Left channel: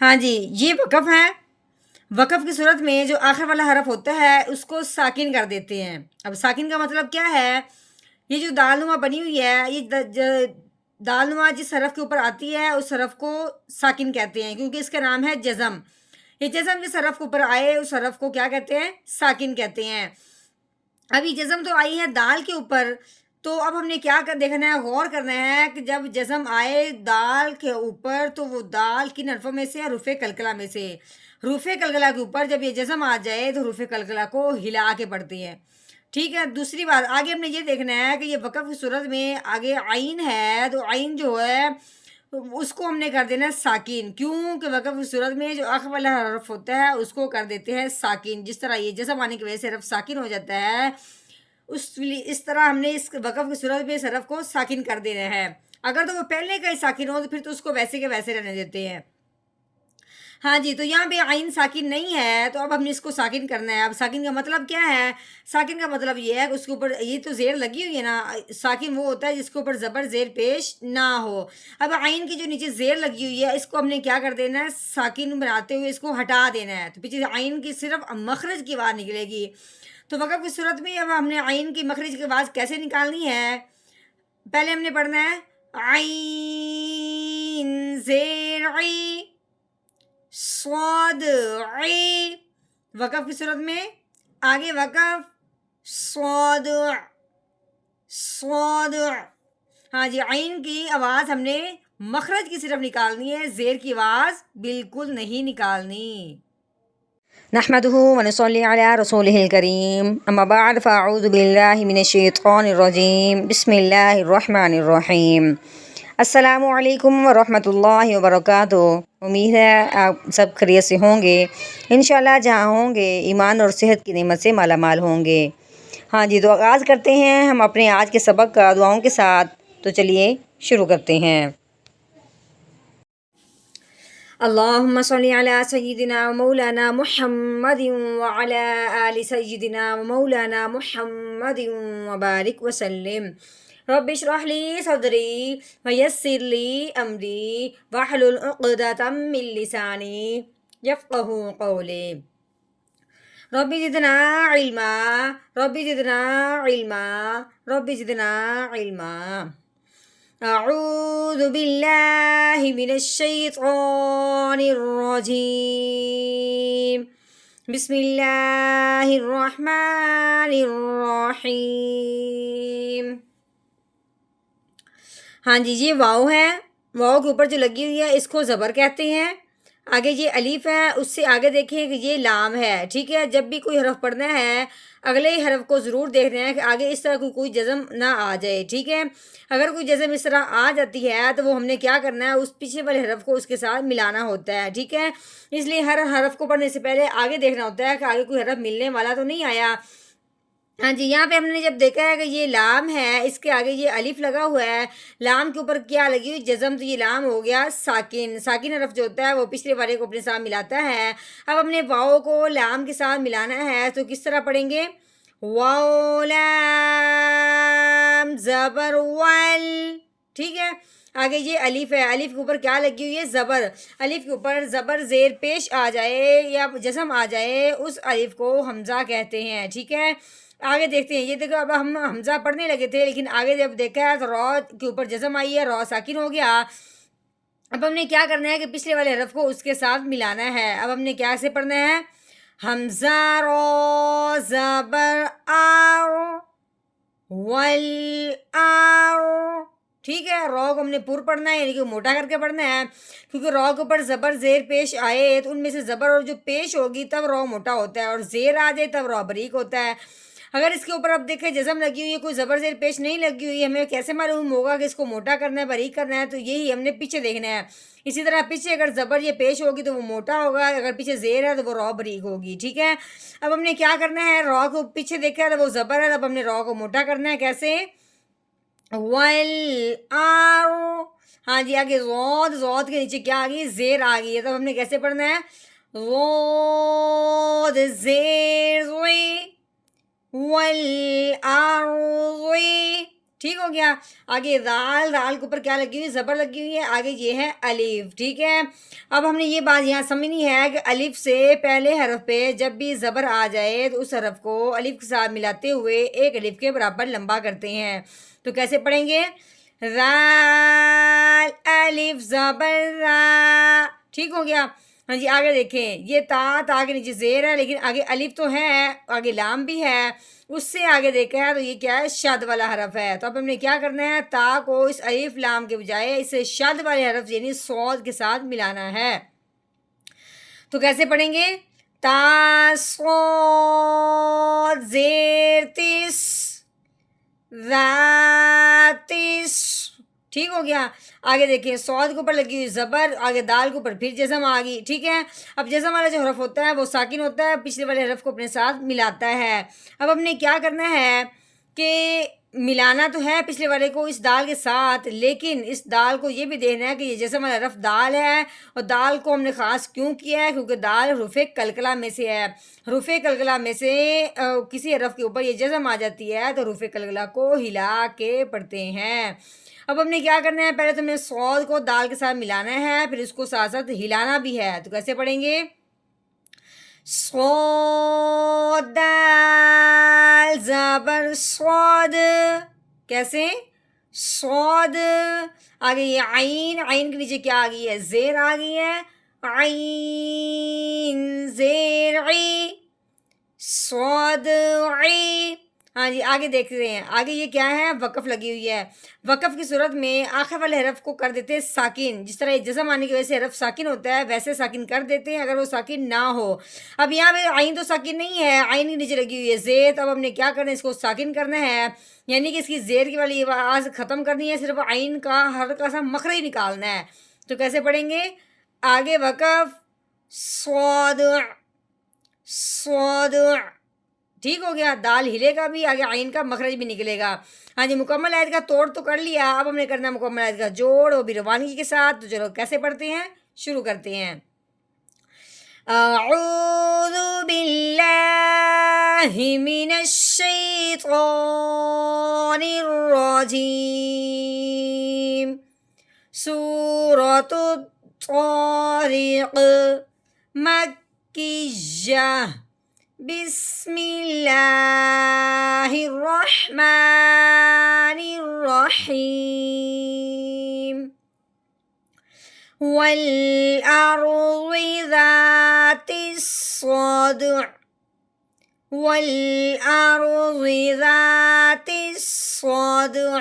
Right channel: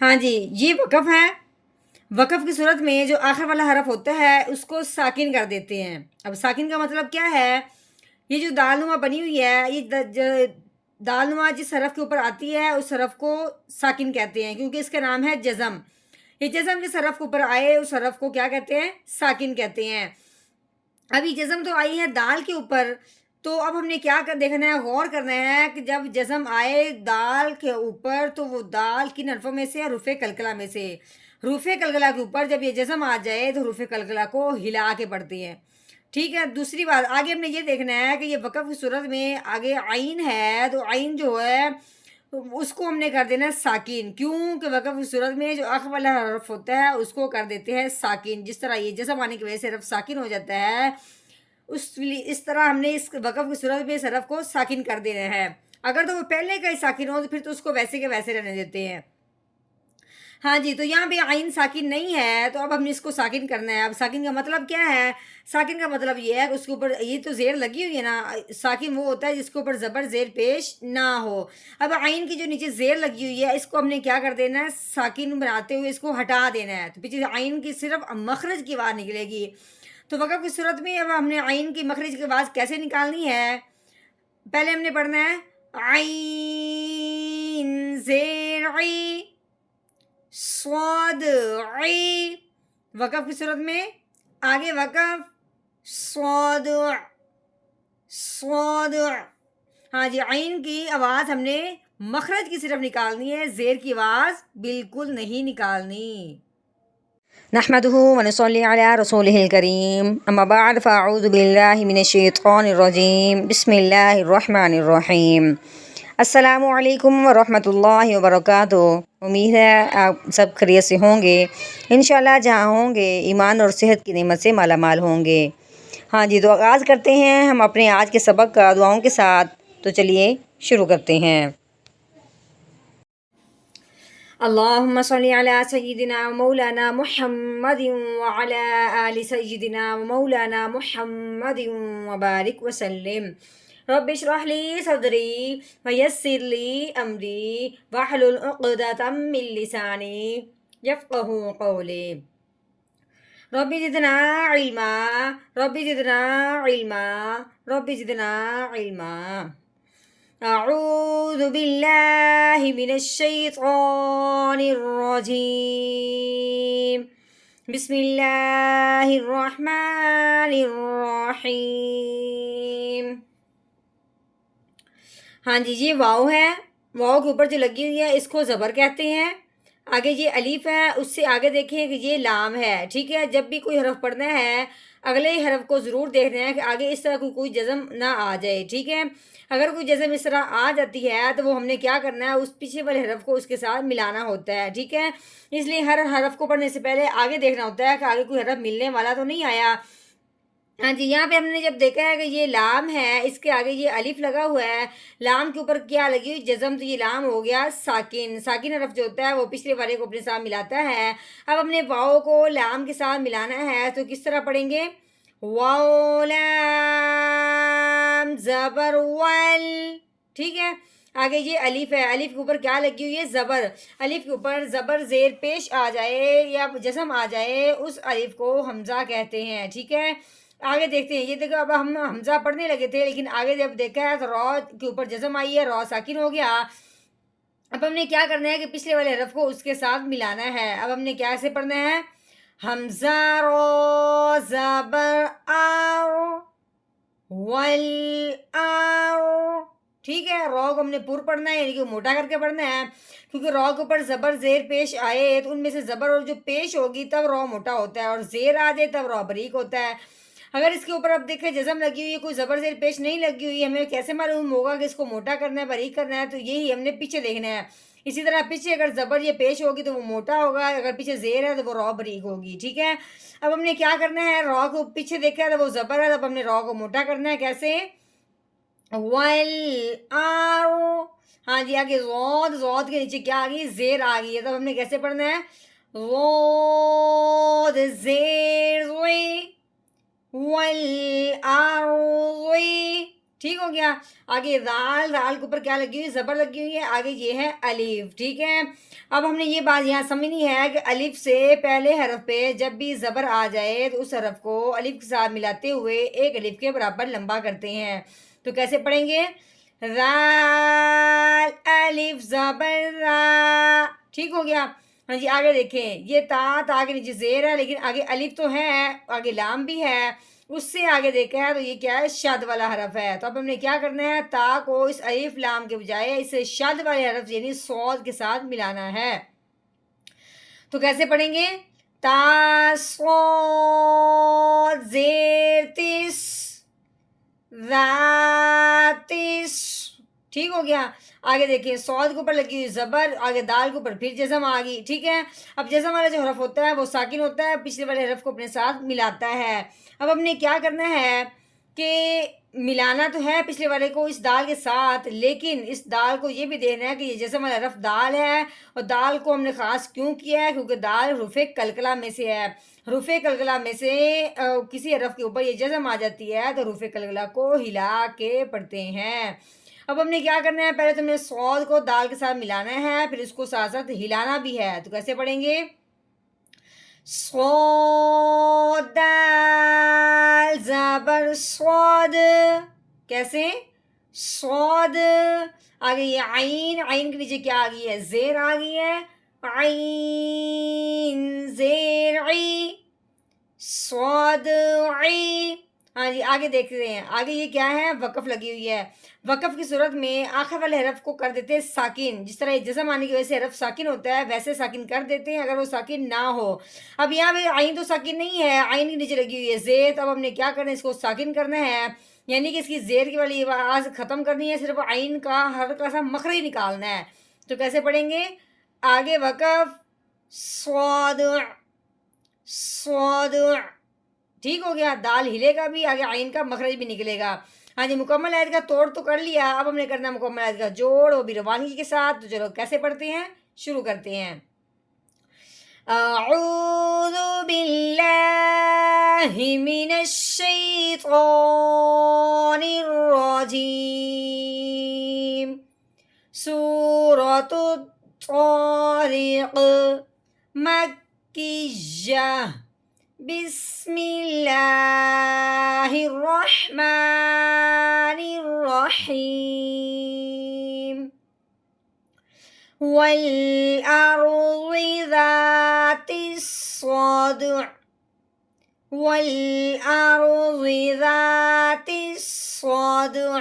ہاں جی، یہ وقف ہے۔ وقف کی صورت میں جو آخر والا حرف ہوتا ہے اس کو ساکن کر دیتے ہیں۔ اب ساکن کا مطلب کیا ہے؟ یہ جو دال نما بنی ہوئی ہے، یہ دال نما جس حرف کے اوپر آتی ہے اس حرف کو ساکن کہتے ہیں، کیونکہ اس کا نام ہے جزم۔ یہ جزم جس حرف کے اوپر آئے اس حرف کو کیا کہتے ہیں؟ ساکن کہتے ہیں۔ ابھی جزم تو آئی ہے دال کے اوپر، تو اب ہم نے کیا دیکھنا ہے، غور کرنا ہے کہ جب جزم آئے دال کے اوپر تو وہ دال کن حرفوں میں سے؟ حروف قلقلہ میں سے۔ حروف قلقلہ کے اوپر جب یہ جزم آ جائے تو حروف قلقلہ کو ہلا کے پڑھتے ہیں، ٹھیک ہے۔ دوسری بات آگے ہم نے یہ دیکھنا ہے کہ یہ وقف کی صورت میں آگے عین ہے، تو عین جو ہے اس کو ہم نے کر دینا ساکن، کیوں کہ وقف کی صورت میں جو آخر والا حرف ہوتا ہے اس کو کر دیتے ہیں ساکن۔ جس طرح یہ جزم آنے کی وجہ سے حرف ساکن ہو جاتا ہے، اس طرح ہم نے اس وقف کی صورت میں اس حرف کو ساکن کر دینا ہے۔ اگر تو وہ پہلے کا ہی ساکن ہو تو پھر تو اس کو ویسے کے ویسے رہنے دیتے ہیں۔ ہاں جی، تو یہاں پہ عین ساکن نہیں ہے، تو اب ہم نے اس کو ساکن کرنا ہے۔ اب ساکن کا مطلب کیا ہے؟ ساکن کا مطلب یہ ہے کہ اس کے اوپر یہ تو زیر لگی ہوئی ہے نا، ساکن وہ ہوتا ہے جس کے اوپر زبر زیر پیش نہ ہو۔ اب عین کی جو نیچے زیر لگی ہوئی ہے اس کو ہم نے کیا کر دینا ہے؟ ساکن بناتے ہوئے اس کو ہٹا دینا ہے، تو پیچھے سے عین کی صرف مخرج کی آواز نکلے گی۔ تو وقف کی صورت میں اب ہم نے عین کی مخرج کی آواز کیسے نکالنی ہے؟ پہلے ہم نے پڑھنا ہے عین زیر عی صاد عی، وقف کی صورت میں آگے وقف صاد صاد۔ ہاں جی، عین کی آواز ہم نے مخرج کی صرف نکالنی ہے، زیر کی آواز بالکل نہیں نکالنی۔ نحمده ونصلي على رسوله الكريم، اما بعد فاعوذ باللہ من الشیطان الرجیم، بسم اللہ الرحمن الرحیم۔ السلام علیکم ورحمۃ اللہ وبرکاتہ۔ امید ہے آپ سب خیریت سے ہوں گے، انشاءاللہ جہاں ہوں گے ایمان اور صحت کی نعمت سے مالا مال ہوں گے۔ ہاں جی، تو آغاز کرتے ہیں ہم اپنے آج کے سبق کا دعاؤں کے ساتھ، تو چلیے شروع کرتے ہیں۔ اللہم صلی علی سیدنا مولانا محمد وعلی آل سیدنا مولانا محمد وبارک وسلم۔ رب اشرح لی صدری ویسر لی امری واحلل عقدۃ من لسانی یفقہوا قولی۔ رب زدنا علما رب زدنا علما رب زدنا علما۔ اعوذ باللہ من الشیطان الرجیم، بسم اللہ الرحمن الرحیم۔ ہاں جی، یہ واو ہے، واو کے اوپر جو لگی ہوئی ہے اس کو زبر کہتے ہیں۔ آگے یہ الف ہے، اس سے آگے دیکھیں کہ یہ لام ہے، ٹھیک ہے۔ جب بھی کوئی حرف پڑھنا ہے اگلے حرف کو ضرور دیکھنا ہے کہ آگے اس طرح کوئی جزم نہ آ جائے، ٹھیک ہے۔ اگر کوئی جزم اس طرح آ جاتی ہے تو وہ ہم نے کیا کرنا ہے؟ اس پیچھے والے حرف کو اس کے ساتھ ملانا ہوتا ہے، ٹھیک ہے۔ اس لیے ہر حرف کو پڑھنے سے پہلے آگے دیکھنا ہوتا ہے کہ آگے کوئی حرف ملنے والا تو نہیں آیا۔ ہاں جی، یہاں پہ ہم نے جب دیکھا ہے کہ یہ لام ہے، اس کے آگے یہ الف لگا ہوا ہے، لام کے اوپر کیا لگی ہوئی؟ جزم، تو یہ لام ہو گیا ساکن۔ ساکن حرف جو ہوتا ہے وہ پچھلے والے کو اپنے ساتھ ملاتا ہے۔ اب ہم نے واؤ کو لام کے ساتھ ملانا ہے، تو کس طرح پڑھیں گے؟ واو لام زبر ول، ٹھیک ہے۔ آگے یہ الف ہے، الف کے اوپر کیا لگی ہوئی ہے؟ زبر۔ الف کے اوپر زبر زیر پیش آ جائے یا جزم آ جائے اس الف کو حمزہ کہتے ہیں، ٹھیک ہے۔ آگے دیکھتے ہیں، یہ دیکھو اب ہم حمزہ پڑھنے لگے تھے لیکن آگے جب دیکھا ہے تو را کے اوپر جزم آئی ہے، را ساکن ہو گیا۔ اب ہم نے کیا کرنا ہے کہ پچھلے والے حرف کو اس کے ساتھ ملانا ہے۔ اب ہم نے کیسے پڑھنا ہے؟ حمزہ را زبر آر ول آر، ٹھیک ہے۔ را کو ہم نے پر پڑھنا ہے، یعنی کہ موٹا کر کے پڑھنا ہے، کیونکہ را کے اوپر زبر زیر پیش آئے تو ان میں سے زبر اور جو پیش ہوگی تب را موٹا ہوتا ہے، اور زیر آ جائے تب را بریک ہوتا ہے۔ اگر اس کے اوپر اب دیکھیں جزم لگی ہوئی ہے، کوئی زبر زیر پیش نہیں لگی ہوئی ہے، ہمیں کیسے معلوم ہوگا کہ اس کو موٹا کرنا ہے باریک کرنا ہے؟ تو یہی ہم نے پیچھے دیکھنا ہے۔ اسی طرح پیچھے اگر زبر یہ پیش ہوگی تو وہ موٹا ہوگا، اگر پیچھے زیر ہے تو وہ را بریک ہوگی، ٹھیک ہے۔ اب ہم نے کیا کرنا ہے؟ را کو پیچھے دیکھا ہے تو وہ زبر ہے، اب ہم نے را کو موٹا کرنا ہے، کیسے؟ ول آر، ہاں جی، آگے زود، زود کے نیچے کیا آ گئی؟ زیر آ گئی ہے، تب ہم نے کیسے پڑھنا ہے؟ زود زیر زوی ول آر زوی، ٹھیک ہو گیا. آگے دال کے اوپر کیا لگی ہوئی ہے؟ زبر لگی ہوئی ہے. آگے یہ ہے الف. ٹھیک ہے. اب ہم نے یہ بات یہاں سمجھنی ہے کہ الف سے پہلے حرف پہ جب بھی زبر آ جائے تو اس حرف کو الف کے ساتھ ملاتے ہوئے ایک الف کے برابر لمبا کرتے ہیں. تو کیسے پڑھیں گے؟ رال الف زبر را. ٹھیک ہو گیا. ہاں جی آگے دیکھیں، یہ تا کے نیچے زیر ہے لیکن آگے الف تو ہے، آگے لام بھی ہے. اس سے آگے دیکھا ہے تو یہ کیا ہے؟ شد والا حرف ہے. تو اب ہم نے کیا کرنا ہے؟ تا کو اس الف لام کے بجائے اسے شد والے حرف یعنی صاد کے ساتھ ملانا ہے. تو کیسے پڑھیں گے؟ تا صاد زیر تس ذاتس. ٹھیک ہو گیا. آگے دیکھیں، صاد کے اوپر لگی ہوئی زبر، آگے دال کے اوپر پھر جزم آ گئی. ٹھیک ہے. اب جزم والا جو حرف ہوتا ہے وہ ساکن ہوتا ہے، پچھلے والے حرف کو اپنے ساتھ ملاتا ہے. اب ہم نے کیا کرنا ہے کہ ملانا تو ہے پچھلے والے کو اس دال کے ساتھ، لیکن اس دال کو یہ بھی دیکھنا ہے کہ یہ جزم والا حرف دال ہے. اور دال کو ہم نے خاص کیوں کیا ہے؟ کیونکہ دال حروف قلقلہ میں سے ہے. حروف قلقلہ میں سے کسی حرف کے اوپر یہ جزم آ جاتی ہے تو حروف قلقلہ کو ہلا کے پڑھتے ہیں. اب ہم نے کیا کرنا ہے؟ پہلے تو ہم نے صاد کو دال کے ساتھ ملانا ہے، پھر اس کو ساتھ ساتھ ہلانا بھی ہے. تو کیسے پڑھیں گے؟ صاد دال زبر صاد. کیسے؟ صاد. آگے یہ عین کے نیچے کیا آ گئی ہے؟ زیر آ گئی ہے. عین زیر عی صاد عی. ہاں جی آگے دیکھ رہے ہیں، آگے یہ کیا ہے؟ وقف لگی ہوئی ہے. وقف کی صورت میں آخر والے حرف کو کر دیتے ہیں ساکن. جس طرح جزم آنے کی وجہ سے حرف ساکن ہوتا ہے ویسے ساکن کر دیتے ہیں اگر وہ ساکن نہ ہو. اب یہاں پہ عین تو ساکن نہیں ہے، عین کے نیچے لگی ہوئی ہے زیر. اب ہم نے کیا کرنا ہے؟ اس کو ساکن کرنا ہے، یعنی کہ اس کی زیر کی والی آواز ختم کرنی ہے، صرف عین کا ہلکا سا مخرج نکالنا ہے. تو کیسے پڑھیں گے؟ آگے وقف صاد صاد. ٹھیک ہو گیا. دال ہلے گا بھی، آگے عین کا مخرج بھی نکلے گا. ہاں جی مکمل آیت کا توڑ تو کر لیا، اب ہم نے کرنا مکمل آیت کا جوڑ، وہ بھی روانگی کے ساتھ. تو چلو کیسے پڑھتے ہیں؟ شروع کرتے ہیں. اعوذ باللہ من الشیطان الرجیم. سورۃ الطارق مکیہ. بسم اللہ الرحمن الرحیم. والارض ذات الصدع والارض ذات الصدع